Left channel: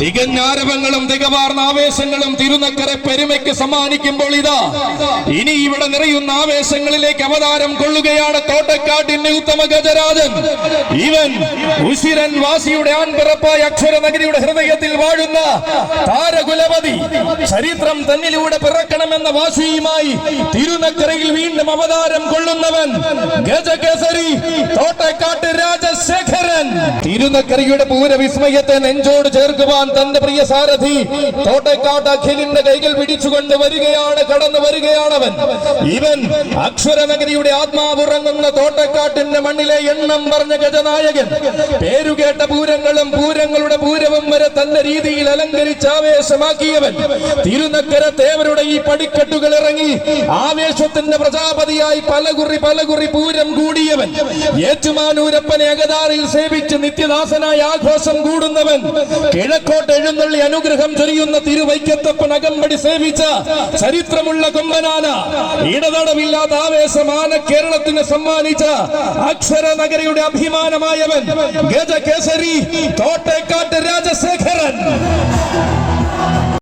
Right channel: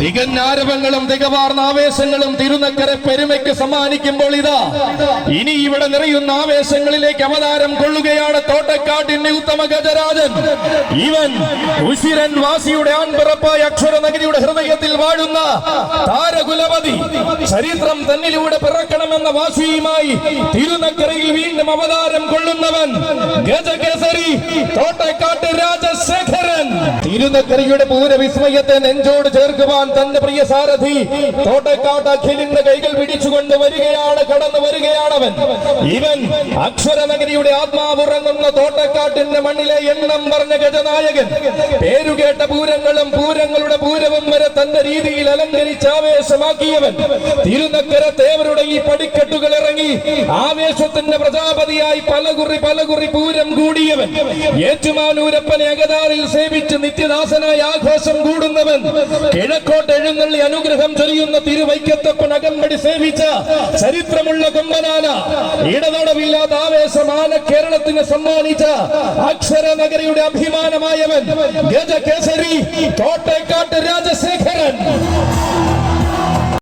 തികഞ്ഞാരവങ്ങളും തികവാർന്ന ആവേശങ്ങളും തിരുനക്കര പെരുമയ്ക്ക് സമ്മാനിക്കുമ്പോൾ ഇതാ ഇനി ഇവിടെ നിറയുന്ന ആവേശങ്ങളിലേക്ക് അവതാരം കൊള്ളുകയാണ് തോട്ടക്കാട്ടിന്റെ ഉത്തമ ഗജരാജൻ. ഇവൻ ഉശിരൻ വാസിയുടെ ആൺപിറപ്പായ അക്ഷരനഗരിയുടെ ഹൃദയത്തിൽ വാഴുന്ന താരകുലപതി. ചരിത്രം തന്നിലൂടെ പിറക്കണമെന്ന വാശിയുമായി തിരുനക്കരയിൽ വീണ്ടും അവതാരം കൊള്ളുന്നവൻ ഗജകേസരി തോട്ടക്കാട്ട് രാജശേഖരൻ. തിരുനക്കരയുടെ പൂരവിസ്മയത്തെ നെഞ്ചോട് ചേർക്കുവാൻ തന്റെ പ്രിയ സാരഥി തോട്ടക്കാട്ട് അഖിലിന്റെ കൈകൾ പിടിച്ചുകൊണ്ട് വരികയാണ്, കടന്നു വരികയാണവൻ. ഇവൻ അക്ഷരനഗരിയുടെ ആത്മാവുറങ്ങുന്ന തോട്ടക്കാട്ടിന്റെ മണ്ണിലെ എണ്ണം പറഞ്ഞ ഗജനായകൻ. പേരുകേട്ട പൂരങ്ങളും പൂരങ്ങളുടെ പൂരവും വരെ തന്റെ രീതിയിൽ അലങ്കരിച്ച് ആവേശമാക്കിയവൻ. തിരുനക്കര തേവരുടെ ഈ പടിക്കെട്ടുകൾ ഇറങ്ങി ആവേശത്തിന്റെ പ്രജാപതിയായി പലകുറി പൂരം കൂടിയവൻ. ഏറ്റുമാനൂരപ്പനെ അകതാറിൽ സേവിച്ച് നിത്യദാസനായ ആഘോഷം കൂടുന്നവൻ. കിഴക്കോട്ട് എഴുന്നള്ളി അനുഗ്രഹം ചൊരിയുന്ന തിരുവൈക്കത്തപ്പൻ അകമ്പടി സേവിച്ച ചരിത്രമുള്ള കൊമ്പനാന. ഇടതടവില്ലാത്ത ആവേശമാന കേരളത്തിന് സമ്മാനിച്ച അക്ഷരനഗരിയുടെ അഭിമാനമായവൻ ഗജകേസരി തോട്ടക്കാട്ട്